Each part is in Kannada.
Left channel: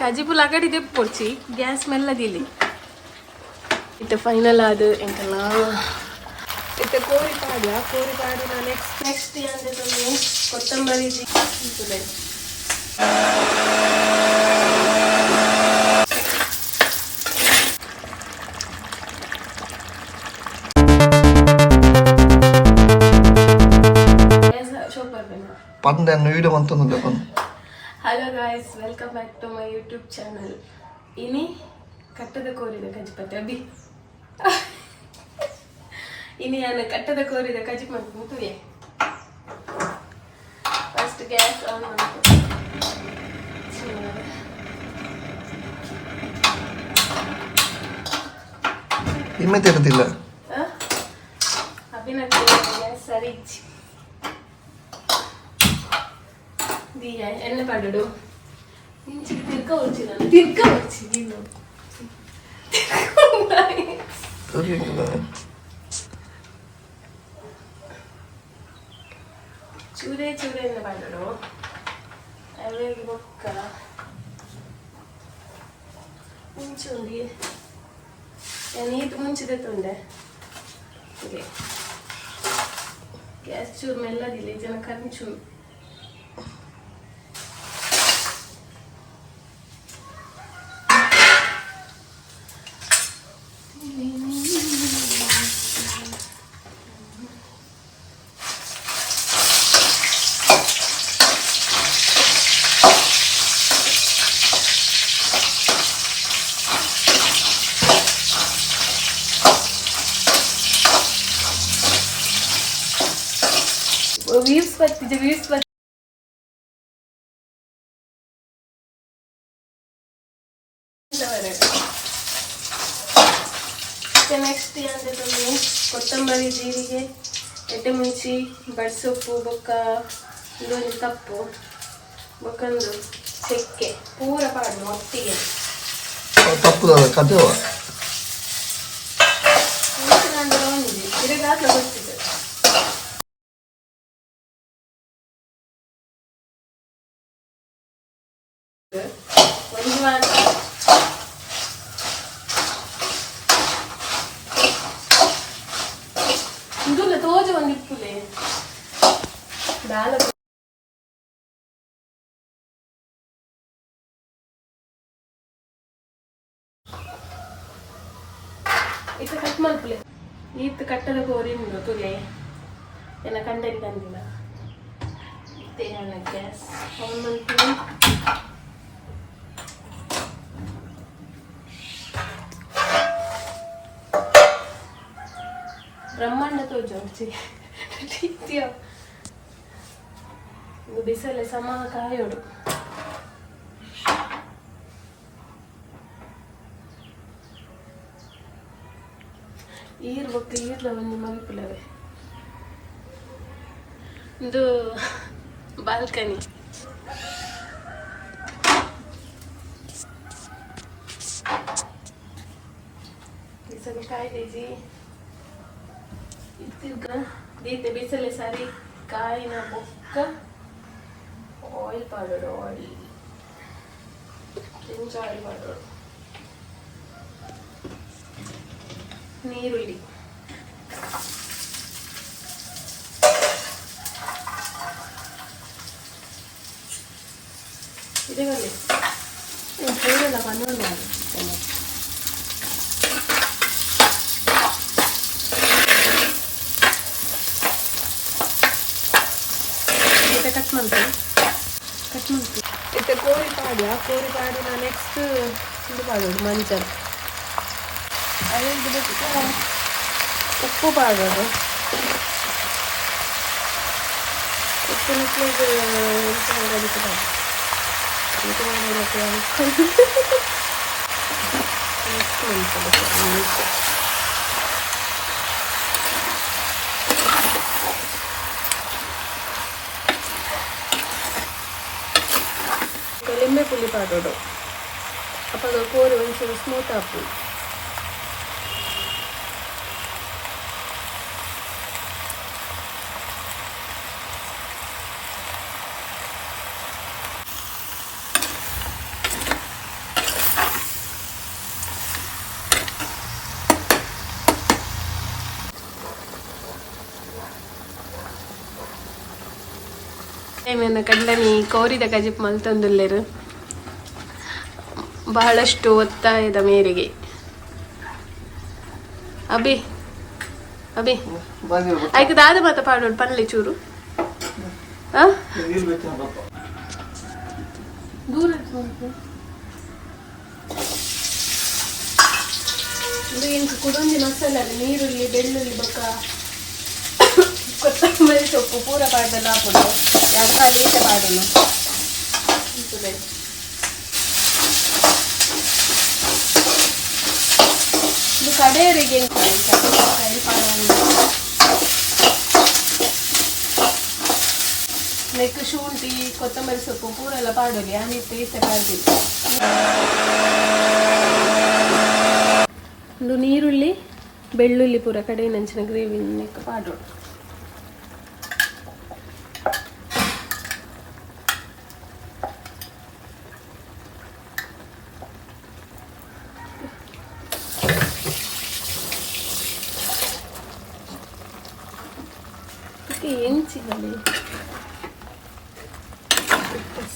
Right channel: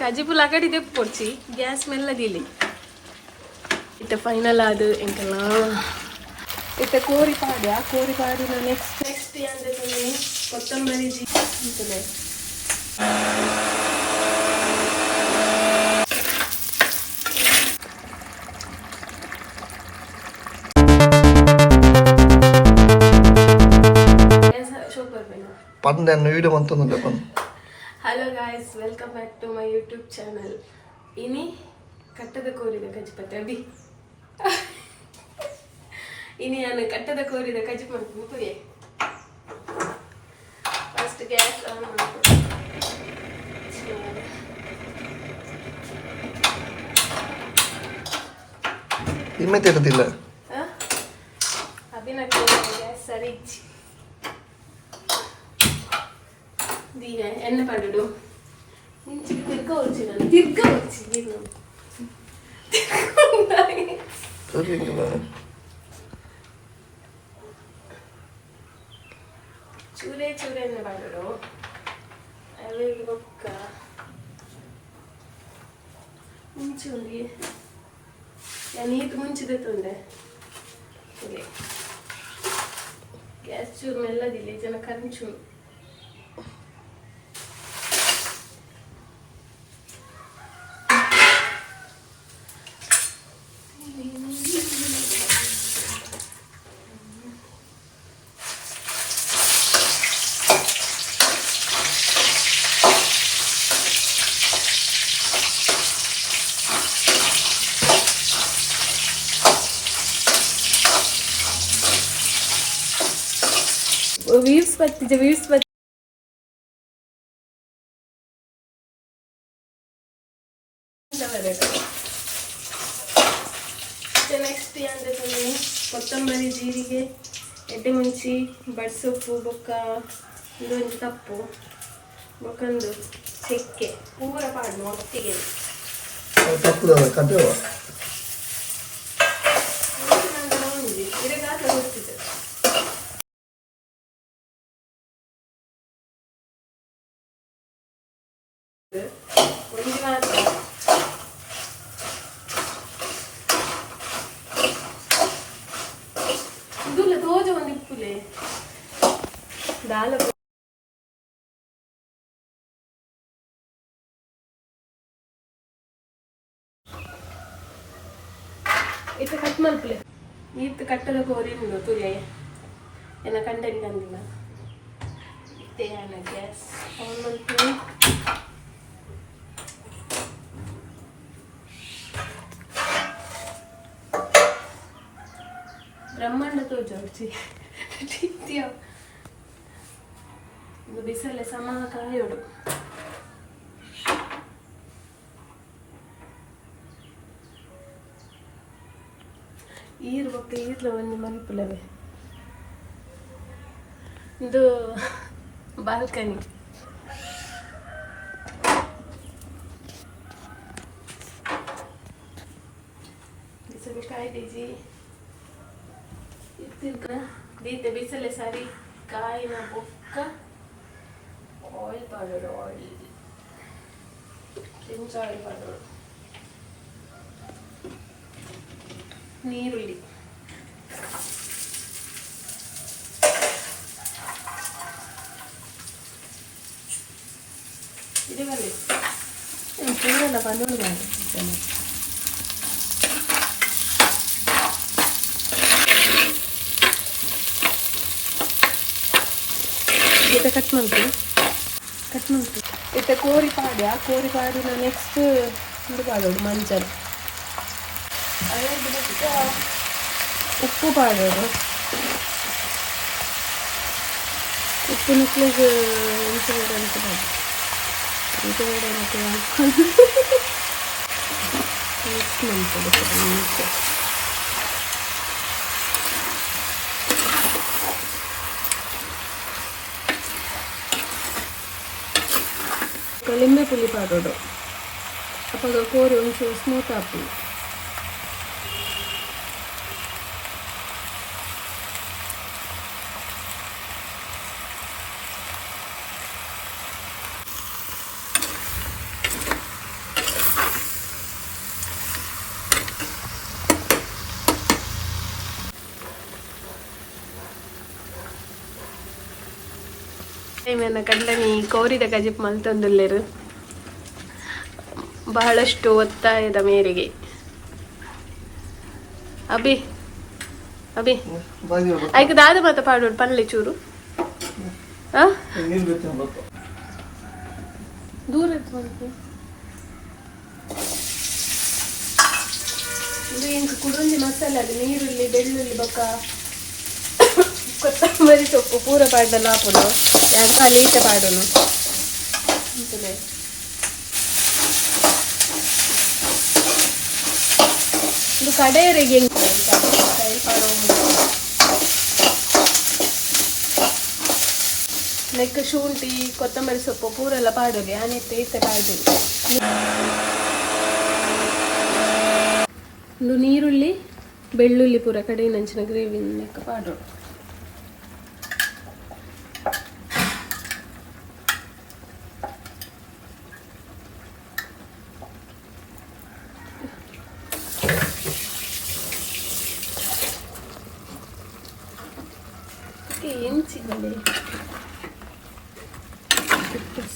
ಕಜಿಪುಲ್ ಅಗಡಿ ತೆಪ್ಪು ಪೊಡ್ಚಿ ಗ್ಯಾಸ್ ಮೆಲ್ಲದಿಲಿ ಇತ್ತೆ ಫೈನಲ್ ಆದ್ ಎಂಕಲ್ಲ ಇತ್ತೆ ಕೋರಿ ಪಾಡ್ಯ ಕೋರಿ ಪಾಡಿ ನೆಕ್ಸ್ಟ್ ನೆಕ್ಸ್ಟ್ ಅಂದ್ರೆ ತೊಂದ್ರೆ ಕೊತ್ತಂಬರಿ ಜಿ ಇರ್ತದೆ. Yes, ಶೋಕ್ ಬರ್ಬೇಡ ಪಂದೆ video ಮಂತೊಂದುಲ್ಲೆ hello guys welcome back to my YouTube channel ಇನಿ ಕಟ್ಟದ ಕೋರಿದ ಕಜಿಪತ್ತೆ ಅಭಿ ಇನಿ ನಾನು ಕಟ್ಟದ ಕೋರಿದ ಕಜಿ ಮಾಡ್ತೀನಿ ತುಯೆ ಫಸ್ಟ್ ಗ್ಯಾಸ್ ಆನ್ ಮಾಡ್ತು ಇಮ್ಮೆ ತೆರೆದಿಲ್ಲ ಅಭಿನಂದನೆ ಸರಿ ದೀಯ ಎಣ್ಣೆ ಪಡುಡು ಇಂಚಿಗೆ ತಿರ್ಗ ಉಳ್ಚಿ ನಾನು ತಿರ್ಗ ಉಳ್ಚಿ ನೀನು ಸರಿ ಹಂಗಿಲ್ಲ. ಚೂರೆ ಚೂರೆ ಎಣ್ಣೆ ಪಡುಡು ಅವೆಗೆ ಬೊಕ್ಕ ಮುಂಚುಂಡಿ ನೀತು ಮುಂಚಿದೆ ತುಂಡೆ ಹೀಗೆ ಗ್ಯಾಸ್ ಚೂರು ಮೆಲ್ಲದಿಲ್ಲ ಜನ ಕಂಚು ವ್ಯೂಸ್ ಬರ್ತಿದೆ ವೀವ್ಸ್ ಬರ್ತಿದೆ ನೆಕ್ಸ್ಟ್ ಅಂದ್ರೆ ಕೊತ್ತಂಬರಿ ಜೀರಿಗೆ ಎಡ್ಡೆ ಮುಂಚಿ ಬಡ್ಸೊಪ್ಪು ಬೊಕ್ಕ ಇದೊಂದು ಕಪ್ಪು ಬೊಕ್ಕೊಂದು ಚಕ್ಕೆ. ಪೂರ ಪಾಡು ಒಟ್ಟಿಗೆ. ತಪ್ಪು ತಿರುಗಿ ಹಾಕ್ಲ ಗೊತ್ತಿದೆ. ಒಂದು ವಾರ ಇದಲ್ಲ ತೋಜು ಒಂದು ಇಪ್ಪುಲೆ ದಾಲ ಇತ್ತ ಕಟ್ ಮಲ್ಪಲೆ ಈತ್ ಕಟ್ಟದ ಕೋರಿ ಉಂಡು ತುಲೆ ಏನ ಕಂಡನಿ ಕಂದಿಲ್ಲ ಇತ್ತೆ ಹಣ ಗ್ಯಾಸ್ ಆನ್ ಮಲ್ಪಲೆ ಬ್ರಹ್ಮಾಂಡ ತೋಜು ರೀತಿಯ ಬಿಸಿಲೆ ಸಮ ಕಾಯೋಡು ಈರ್ ಬಗ್ಗೆ ಈರ್ಲ ಒಂದು ಮಲ್ಪುಲವೆ ಇದು ಬಾಲ್ಕನಿ. ಬಿಸಿಲು ಕಾಯ್ದೇಜಿ ಇತ್ತಿರ್ಗ ದೀತೆ ಬಿಸಿಲೆ ಸರಿ ಕಾಯಿನ ಬೊಕ್ಕ ಆಯಿಲ್ ಪೌಡರ್ ಆಯಿಲ್ ಜಿಂಜ್ ಆಯಿಲ್ ಪೌಡರ್ ನೀರುಳ್ಳಿ ಮತ್ತೆ ಕೋರಿ ಪಾಡ್ಯ ಕೋರಿ ಪಾಡಿ ನೆಕ್ಸ್ಟ್ ಇದು ಮಾಡೋದು ಮಂಚಲ್ ಅದೇ ಬಿಟ್ಟು ಉಪ್ಪು ಪಾಡೋದು ಉಪ್ಪು ನಿಕ್ಲಿಗೆ ಲಿಂಬೆ ಪುಳಿ ಪಾಡೋದು ಅಪ್ಪ ಕೋರಿ ಒಂಚೂರು ಸ್ಮೂತ್ ಹಾಕಿ ಏನೇನ ಕಂಡನಿ ಕೋರಿದ ಕಜಿಪ್ ಮಲ್ತೊಂದುಲ್ಲೆರು. ಬಹಳಷ್ಟು ಒತ್ತಾಯದ ಮೇರೆಗೆ. ಅಬಿ ಅಬಿ ಆಯ್ಕೆ ದಾದ ಮಾತ ಪಾಡೋಡು ಪನ್ಲೆ ಚೂರು. ಕುಡೊಂದಿ ಮಸಾಲೆ ನೀರುಳ್ಳಿ ಬೆಳ್ಳುಳ್ಳಿ ಬೊಕ್ಕ. ಕೊತ್ತಂಬರಿ ಸೊಪ್ಪು ಪೂರ ಪಾಡ್ದಲ್ಲ ಹಾಕೋದು ಯಾಕ ಲೀಟ ಪಾಡೋನು ಇದು ಕಡೆಯವರಿಗೆ ನೆಕ್ ಶುಂಠಿ ಕೊತ್ತಂಬರಿ ಸೊಪ್ಪು ಪೂರ ಎಲ್ಲ ಪಾಡೋಲಿ ಆನಿತ್ತೆ ಇತ್ತೆ ಪಾಡಿ ಒಂದು ನೀರುಳ್ಳಿ ಬೆಳ್ಳುಳ್ಳಿ ಪೂರ ಕಡೆ ನಂಚಿನ ಗ್ರೇವಿ ನೆಕ್ಕ ಪಾಡೋಣ ಸಿಗಲಿ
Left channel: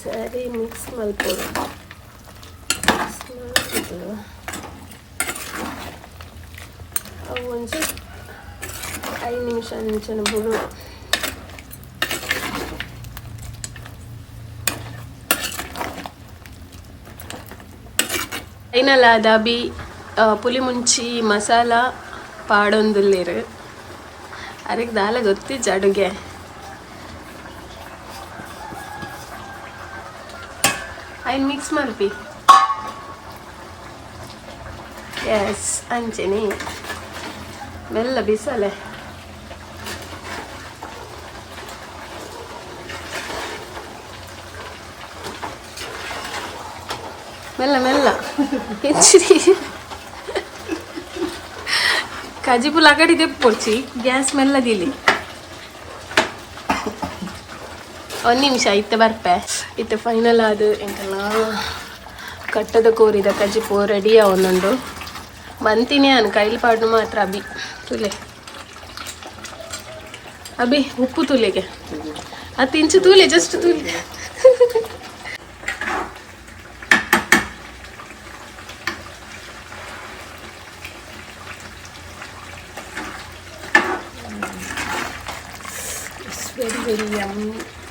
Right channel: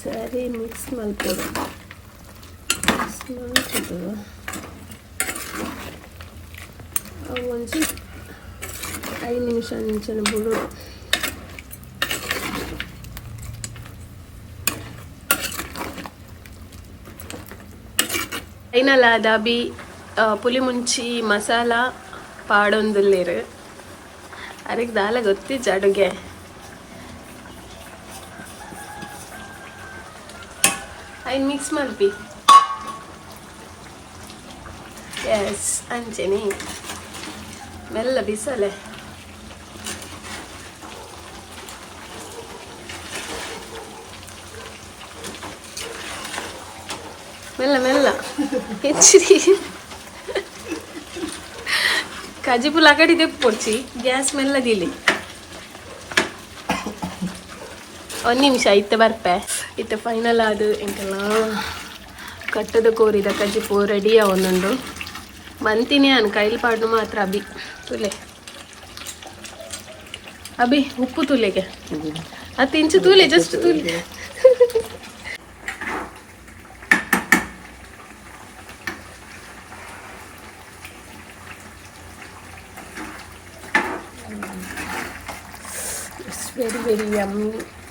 ಸರಿ ಮಿಕ್ಸ್ ಮಾಡ್ಕೊಳ್ಳಿ ಮಿಕ್ಸ್ ಐದು ನಿಮಿಷ ಫೈನಲ್ ಆದ ಪುಲಿ ಮುಂಚಿ ಮಸಾಲ ಪಾಡೊಂದುಲ್ಲೇರು. ಅದಕ್ಕೆ ದಾಲ ಗೊತ್ತಿಜ್ಜ ಅಡುಗೆ. ಐನ್ ಮಿಕ್ಸ್ ಮಲ್ಪಿ ಎಸ್ ಅಂಚೆನಿ ಮೆಲ್ಲ ಬಿಸಲೆ ಮೆಲ್ಲ ಮೆಲ್ಲ ಹೆಚ್ಚಿರಿ ಕಜಿಪುಲ್ ಅಕಡಿ ತೆಪ್ಪೊಡ್ಚಿ ಗ್ಯಾಸ್ ಮೆಲ್ಲದಿಲಿ ಒಂದು ನಿಮಿಷ, ಇತ್ತೆ ಬರ್ಪೆ. ಇತ್ತೆ ಫೈನಲ್ ಆದು ಎಂಕಲ್ಲ ಕಟ್ಟದ ಕೋರಿದ ಕಜಿಪು ರೆಡಿ ಅವನೊಂದು ಮಂತಿನಿ ಅನ್ ಕೈಲಿ ಪಾಡು ಮಾತ್ರ ಅಭಿ, ತುಲೆ. ಅಭಿ, ಉಪ್ಪು ತುಲೆಗೆ. ಅದು ಇಂಚು ತೂಲೆ ಜಸ್ಟ್ ತೂಲೆ. ಆಯ್ತು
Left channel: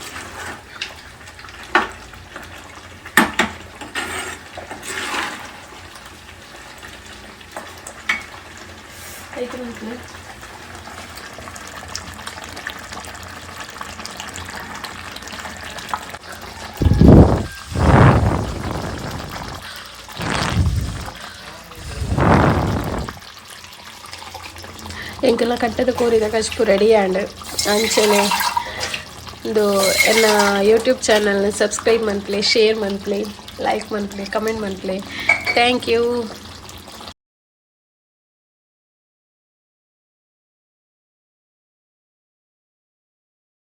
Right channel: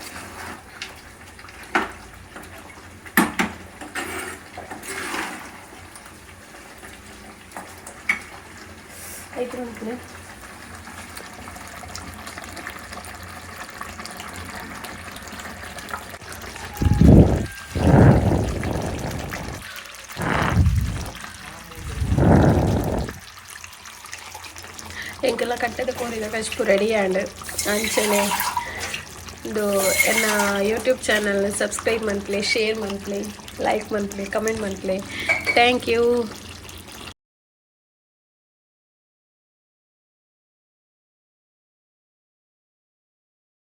ಅಂತೀನಿ ಎಂಕೆಲ್ಲ ಕಟ್ಟದ ಕೋರಿದ ಕಷ್ಟು ರೆಡಿ ಆ್ಯಂಡ್ ಅಂಚನೆ ಇದು ಎನ್ನ ಯೂಟ್ಯೂಬ್ ಚಾನಲ್ನ ಸಬ್ಸ್ಕ್ರೈಬ್ ಮನ್ಪ್ಲೆ ಶೇರ್ ಮನ್ಪ್ಲೆ ಲೈಕ್ ಮನ್ಪ್ಲೆ ಕಮೆಂಟ್ ಮನ್ಪ್ಲೆ ಥ್ಯಾಂಕ್ ಯು